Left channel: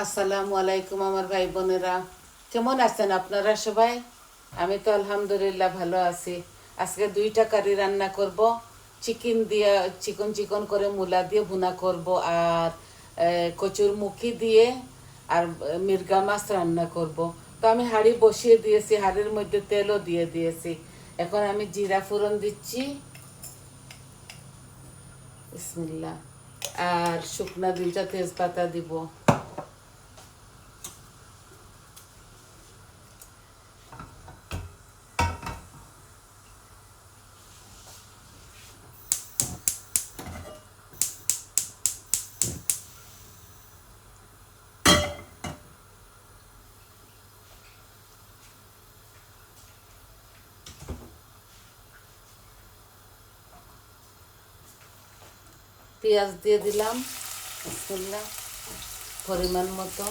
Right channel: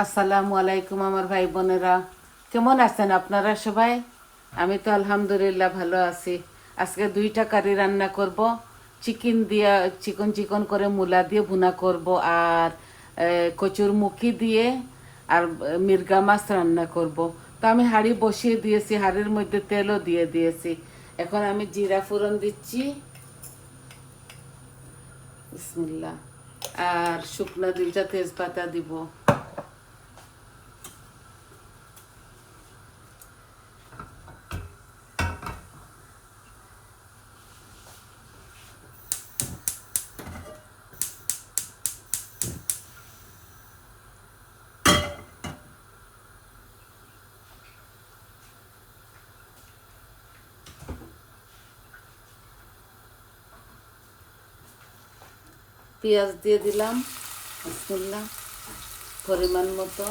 আসসালামু আলাইকুম আমার ভাই বোনেরা, কেমন আছেন আপনারা সবাই? আমি তো আলহামদুলিল্লাহ ভালো আছি। আজকে দুইটা কারি রান্না করব। চিকেন দিয়ে চিকন চিকন করে মূলা দিয়ে ভুনা করব, আর কচুর মুখি দিয়ে আর মির্গা মাছ রান্না করব। তো আমি হাঁড়ি বসিয়ে দিয়েছি, হাঁড়ির মধ্যে তেলও দিয়ে দিয়েছি। এখন আমি জিরা ফোড়ন দিচ্ছি, বিসমিল্লাহ, আর শুকনা দুইটা তেজপাতা দিব। পেঁয়াজ দিয়ে দিলাম, বিসমিল্লাহ, পরিমাণ মতো।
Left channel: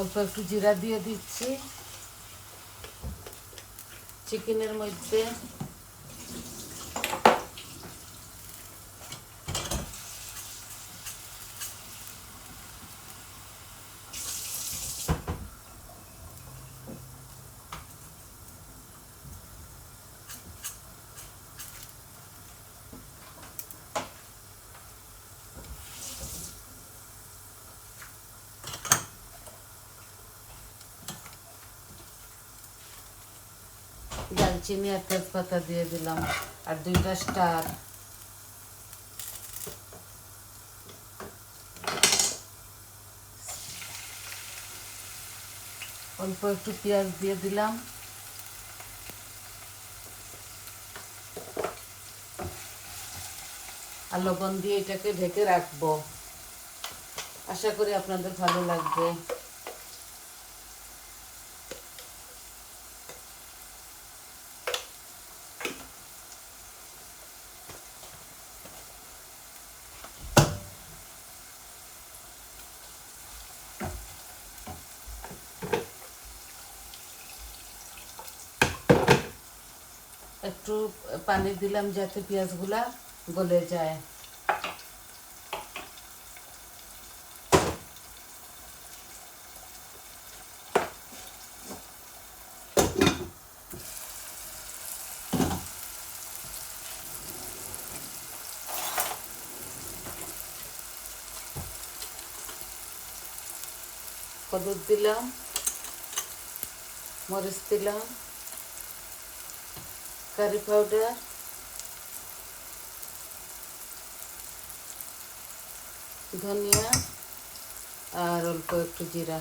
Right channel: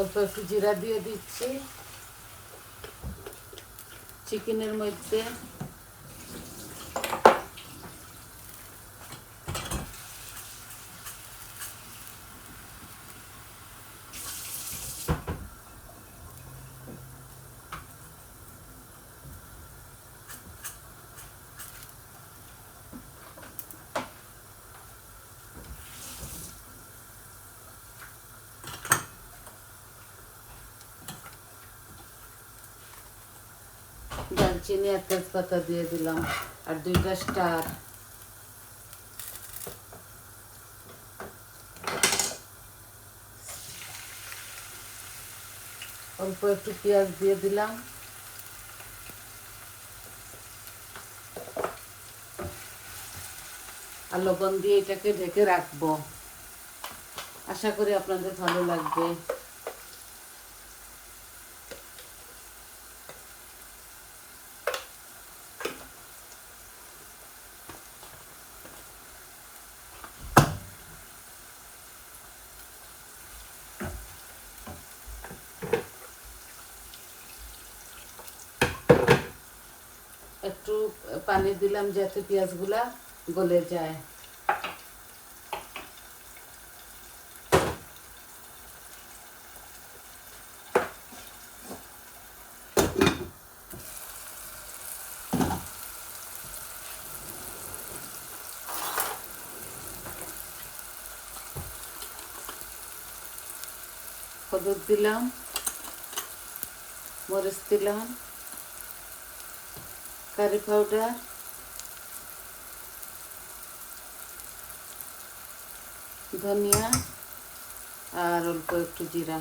অল্প একটু জিরা দিয়ে দিচ্ছি চিকেনের মধ্যে। দারচিনি আর তেজপাতা দিয়ে দিলাম, আর দুইটা স্টার। অল্প একটু পেঁয়াজ দিয়ে দিলাম, আর লবণ দিয়ে এটাকে ঢেকে রাখবো। আশা করি আপনাদের ভালো লাগবে। একটু পানি দিলাম যাতে পেঁয়াজগুলা গলে যায়। হলুদ দিলাম, মরিচ দিলাম, কারি পাউডার, ধনিয়া, আর অল্প একটু জিরা।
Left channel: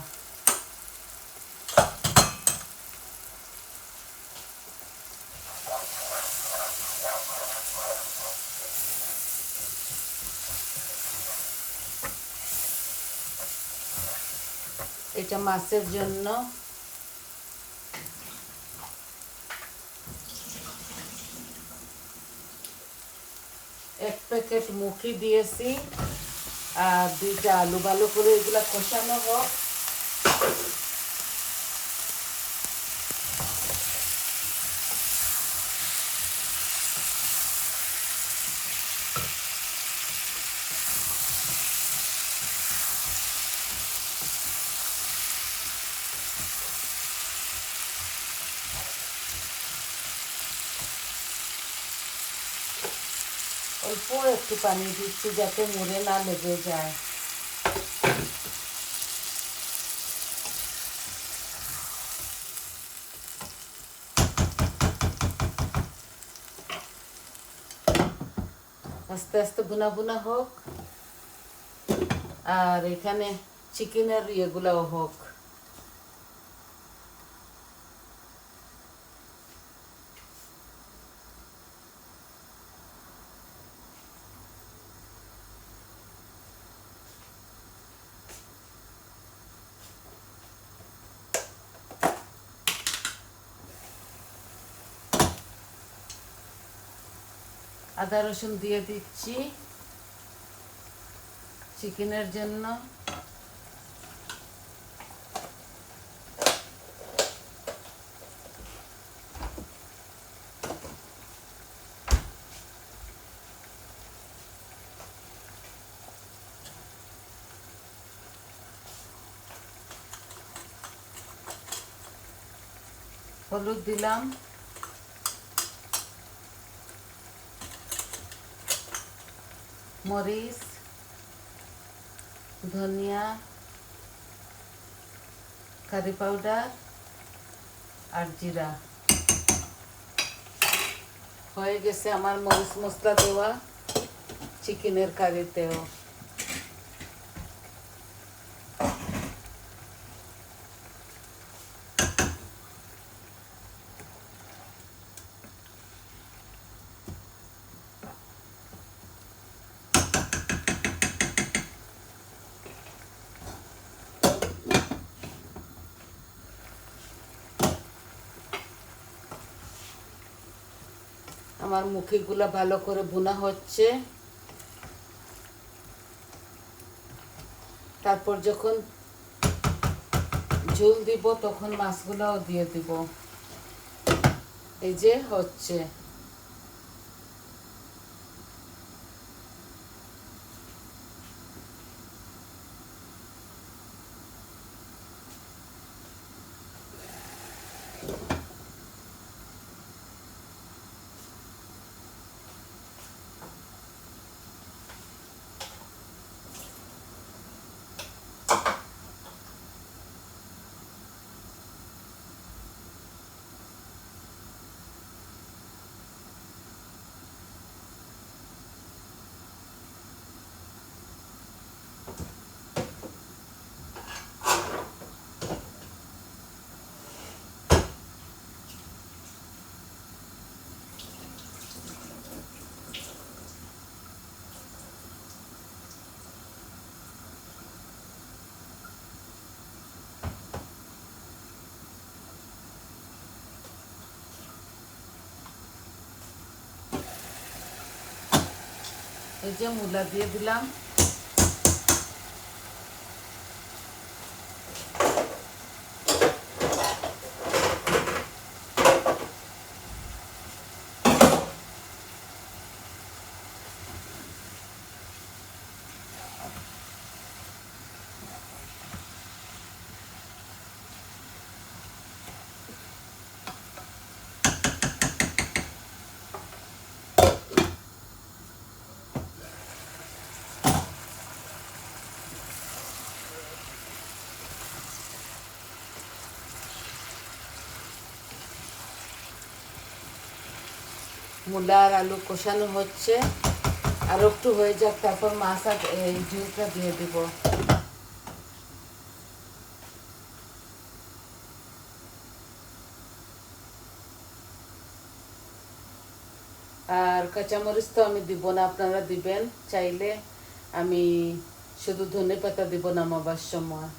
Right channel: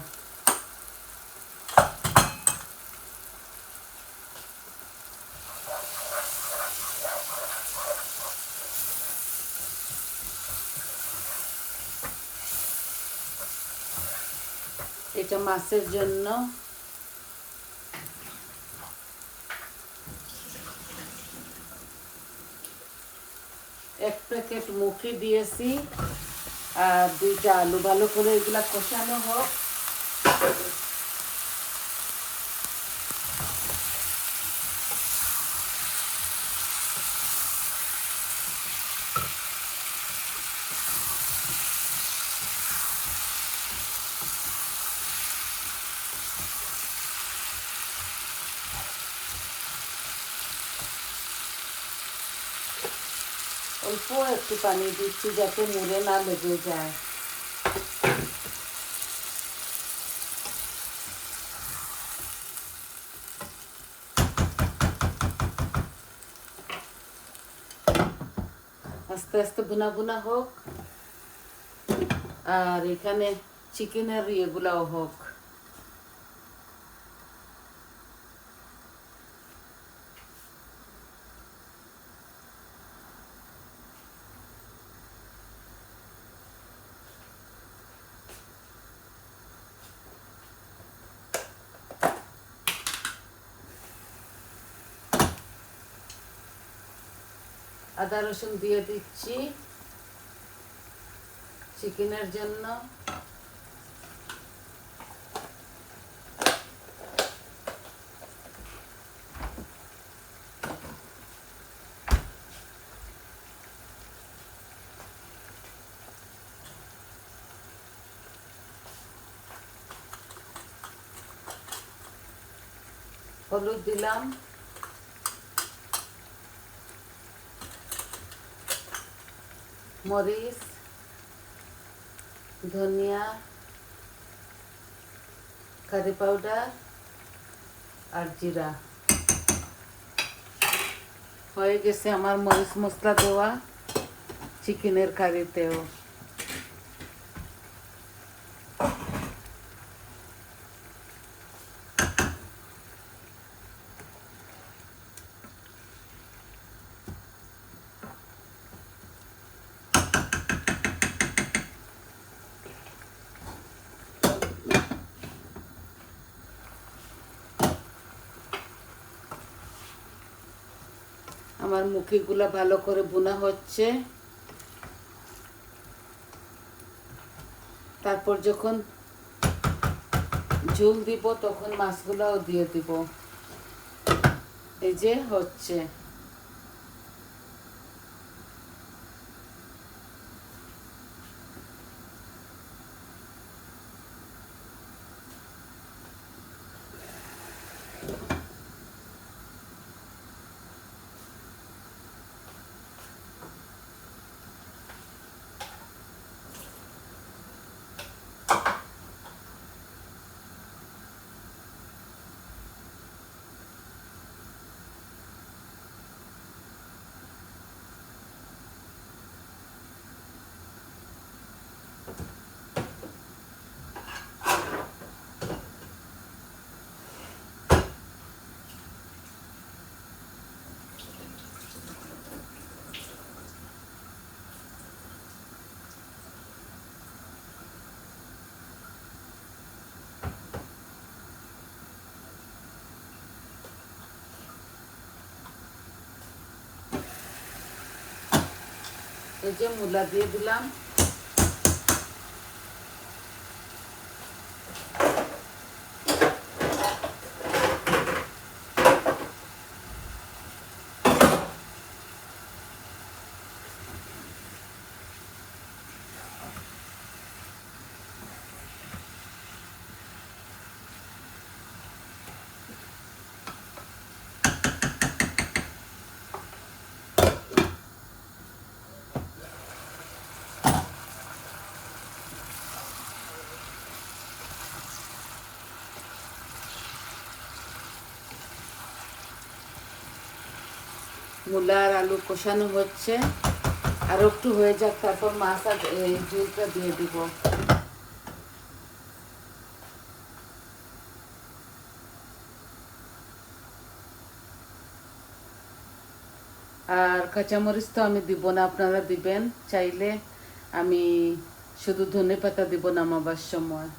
এটা মাছের জন্য। এক প্যাকেট মুখি দিয়েছি, আর দুইটা আলু। ভালো করে এগুলা কষানো হোক। অল্প একটু পানি দিচ্ছি যাতে মুড়ে না লেগে যায়। আস্তে আস্তে বুনা বুনা হোক, আর এখানে চিকেনের ইয়েগুলোও হোক। আদা রসুন দিয়ে দিচ্ছি চিকেনের জন্য। হলুদ দিলাম, মরিচ, ধনিয়া, কারি পাউডার আর জিরা। হয়ে গেছে আমার মরিচ মশলা দেওয়া চিকেনের কারিতেও। আমার মুখিগুলো ভালো করে বোনা হচ্ছে। তারপর যখন ঝোল দিব তখন মাছগুলোও দিয়ে দিব। এই যে হচ্ছে। এই যে মূলা দিয়ে দিলাম। মূলা আর আলু কষানো হচ্ছে, আর একটু হয়ে যাক তারপর মাছ আর ঝোলটা দিয়ে দিব। আর কাঁচামরিচ তো আমি দিব না, আপনারা দিবেন চাইলে। আমি শুধু ধনেপাতা দিব নামাবার সময়।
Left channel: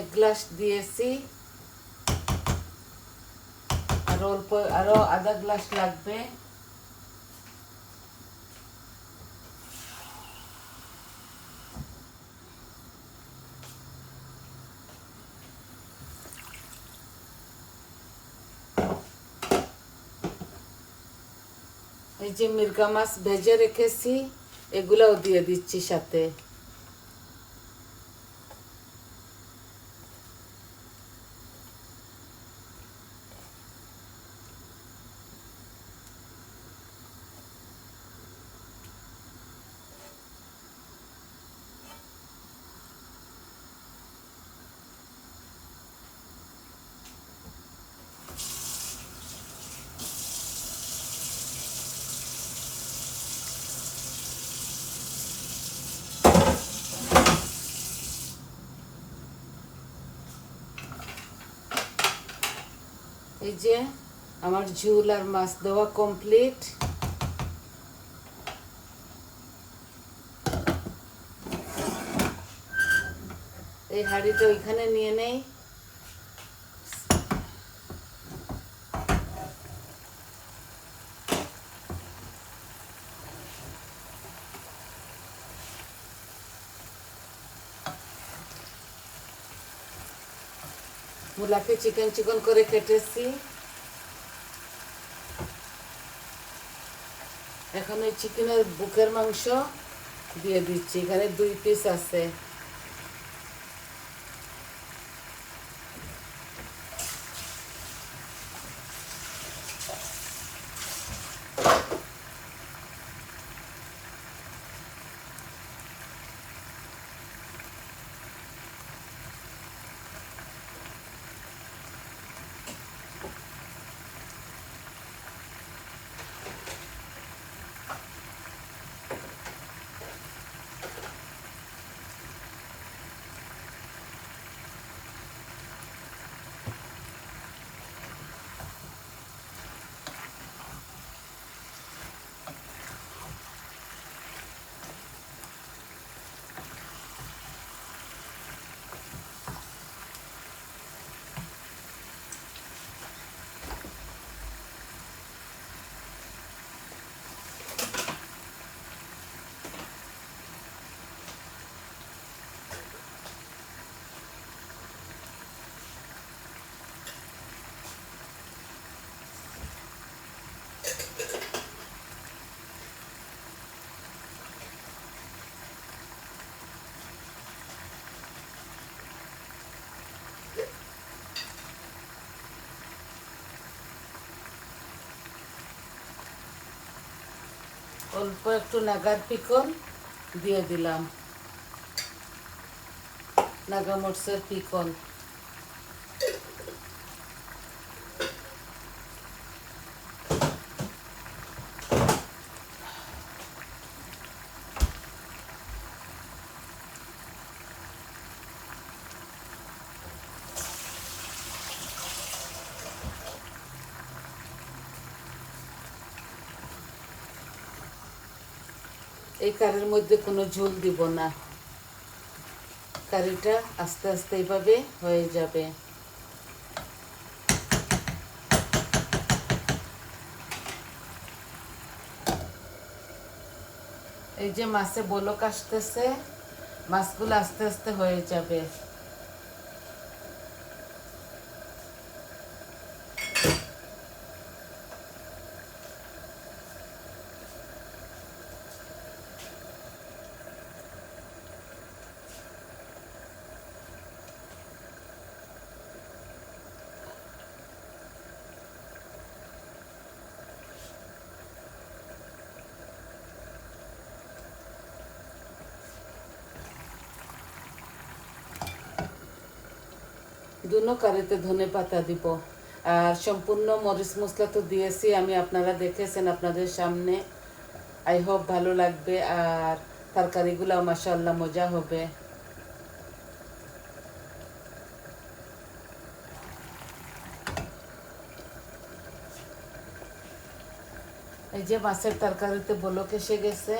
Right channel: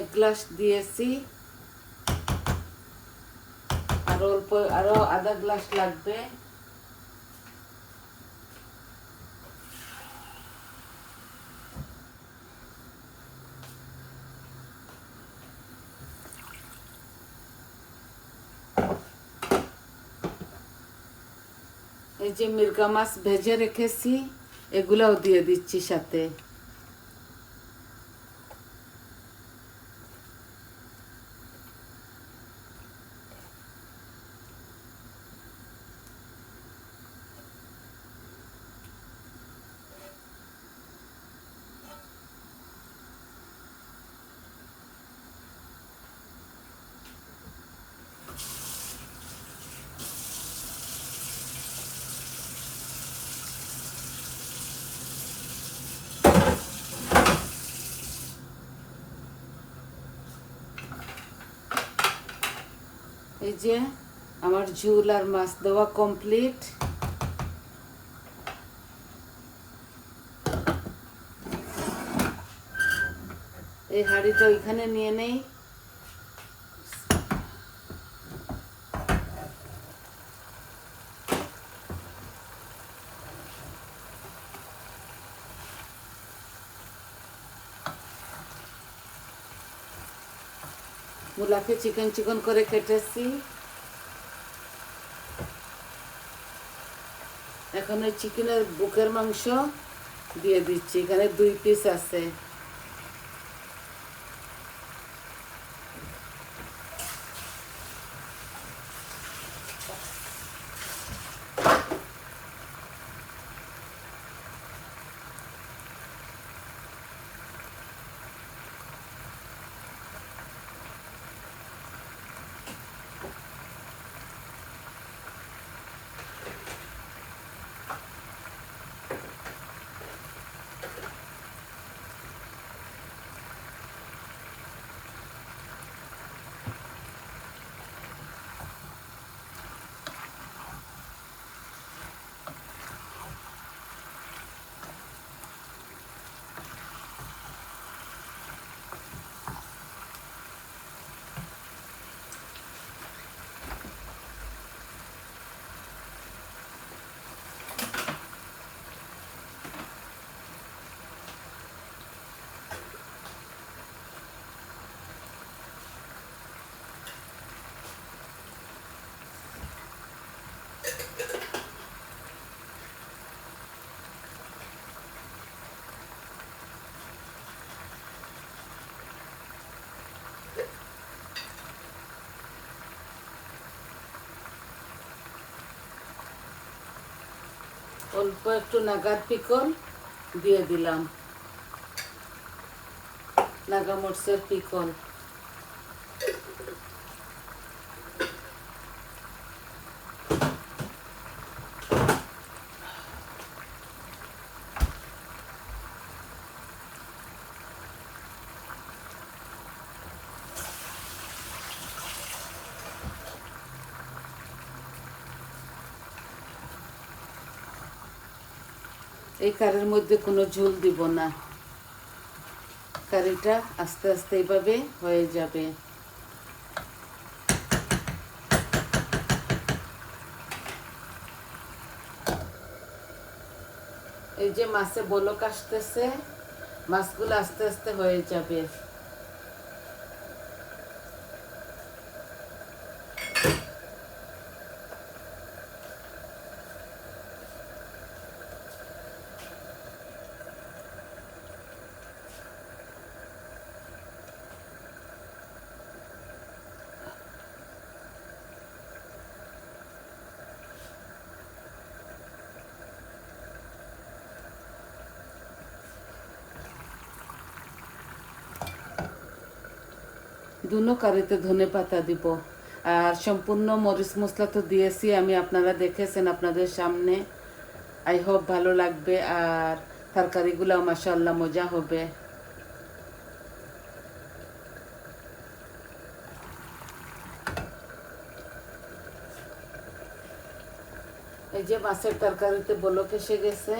এক গ্লাস দিয়েছি, আর অল্প আরো আধা গ্লাস লাগবে। এই যে মির্গা মাছ ভেজে রেখেছি, এগুলাও দিয়ে দিচ্ছি সাথে। যে আমার ঝুল আর মাছ দেওয়া কমপ্লিট। এই হাঁড়িটা ওইখানে নিয়ে নেই। মুলাকে চিকন চিকন করে কেটেছি। এখন ওই চিকেনের বুকের মাংস দিয়ে দিচ্ছি। এখানে 2 পিস আছে। অল্প একটু নাগার পিকল দিয়ে দিলাম, নাগা মরিচের পিকল। এই কারির মধ্যে কোনো ঝোল দিব না, কারিটা আস্তে আস্তে এইভাবে হয়ে যাবে। এই যে মাছে বলক আসতেছে, মাছগুলো আস্তে আস্তে হয়ে যাবে। দুনো কারিতে ধনে পাতা দিব। আর সম্পূর্ণ মরিচ মশলা তো দিয়েছি আমি, আপনারা দেখেছেন আপনাদের সামনে। আই হোপ ভালো লাগবে, আর তরকারিগুলো মাশাআল্লাহ মজা হবে। এই যে মাছের তরকারিতে বলক এসে গেছে।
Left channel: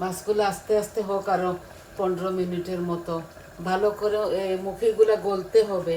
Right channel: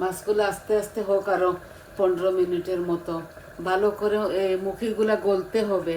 মাছগুলো আস্তে আস্তে হোক আরো 15 মিনিটের মতো, ভালো করে মুখিগুলা গলতে হবে।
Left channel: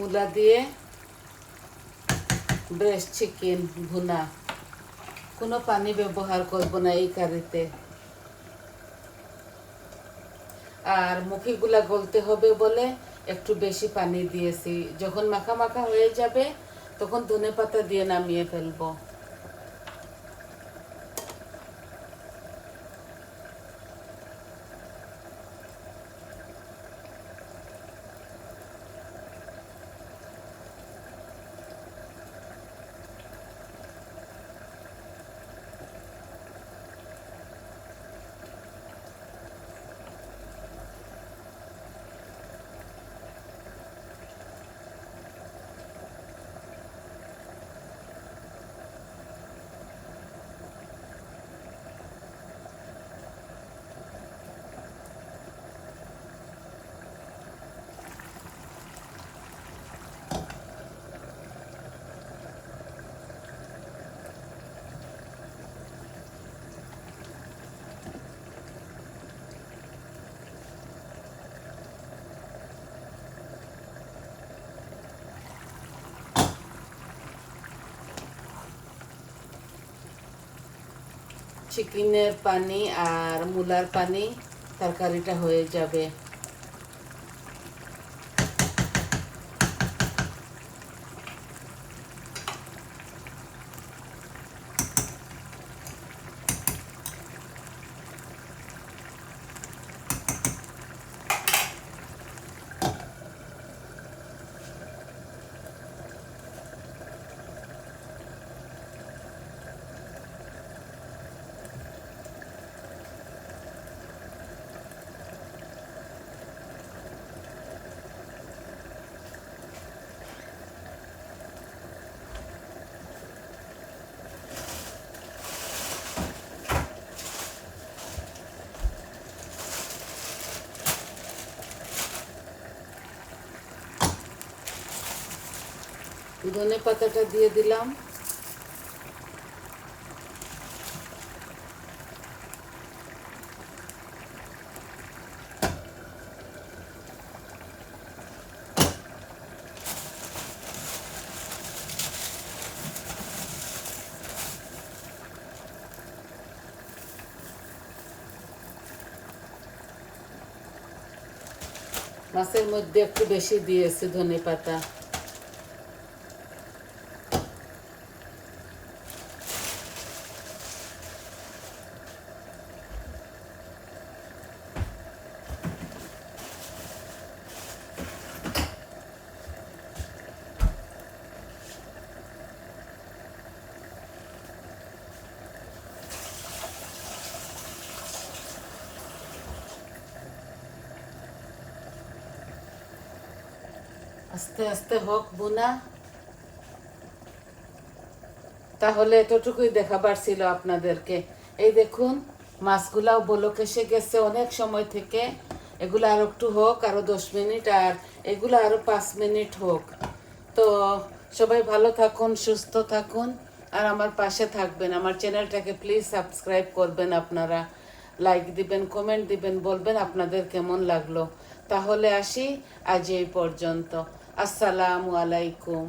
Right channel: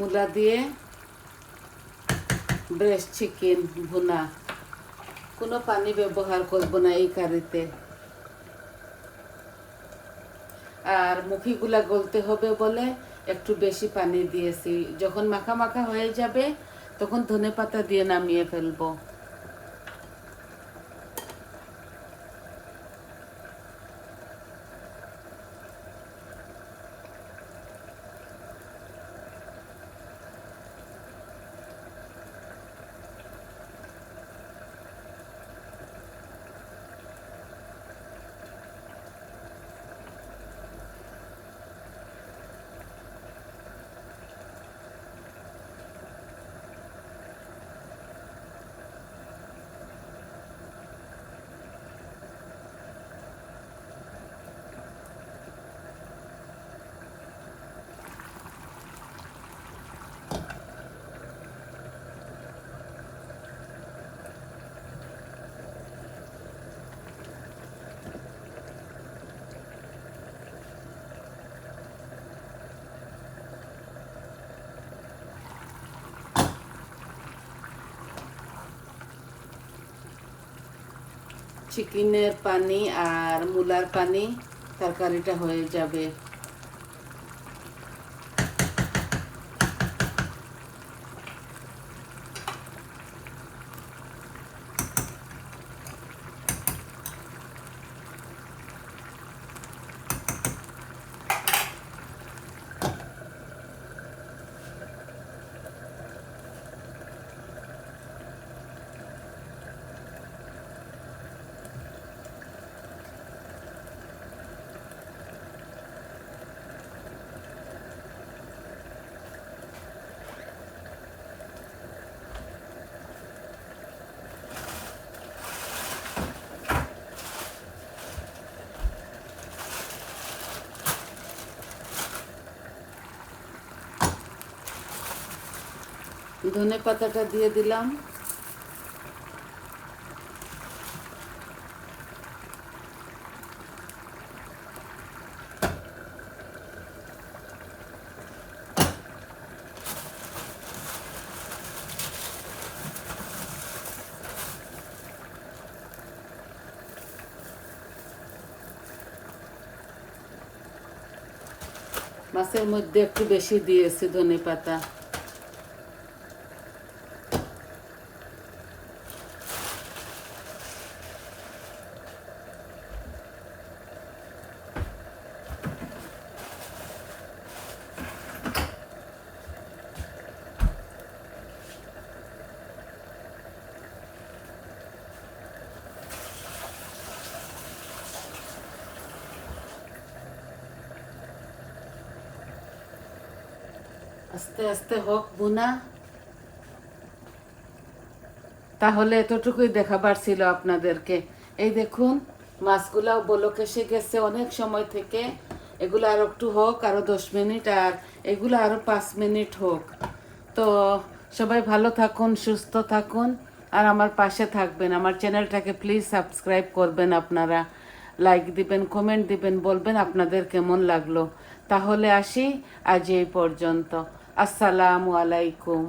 মূলা দিয়ে ব্রেস্ট চিকেন ভুনা, কোনো পানি ব্যবহার করব না এই কারিতে। আর মুখিগুলা গলতে হবে বলে একটু বেশি পানি দিয়েছি। যখন মাখা মাখা হয়ে যাবে তখন ধনেপাতা দিয়ে নামিয়ে ফেলবো। চিকেনের পানি আর মূলার পানি তরকারিটা হয়ে যাবে। ধনে পাতাটা দিয়ে দিলাম। মাছের মধ্যে একটু বেশি দিয়েছি ধনে পাতা। আস্তে আস্তে হোক বোনা। তাহলে এতটুকুই দেখাবার ছিল আপনাদেরকে। এই দেখুন মাছগুলাও বলক এসে গেছে অনেক সময় থেকে। এগুলো আর একটু হোক, আরো 10 মিনিট, আর এগুলো আরো 5 মিনিট হোক। তো সবাই ভালো থাকুন, সুস্থ থাকুন, আর আমার পাশে থাকবেন। আমার চ্যানেলটাকে প্লিজ সাবস্ক্রাইব করবেন আপনারা, লাইক দিবেন, কমেন্ট দিবেন, বলবেন আপনাদের কেমন লাগলো। তাহলে আসি আজ এই পর্যন্ত। আসসালামু আলাইকুম।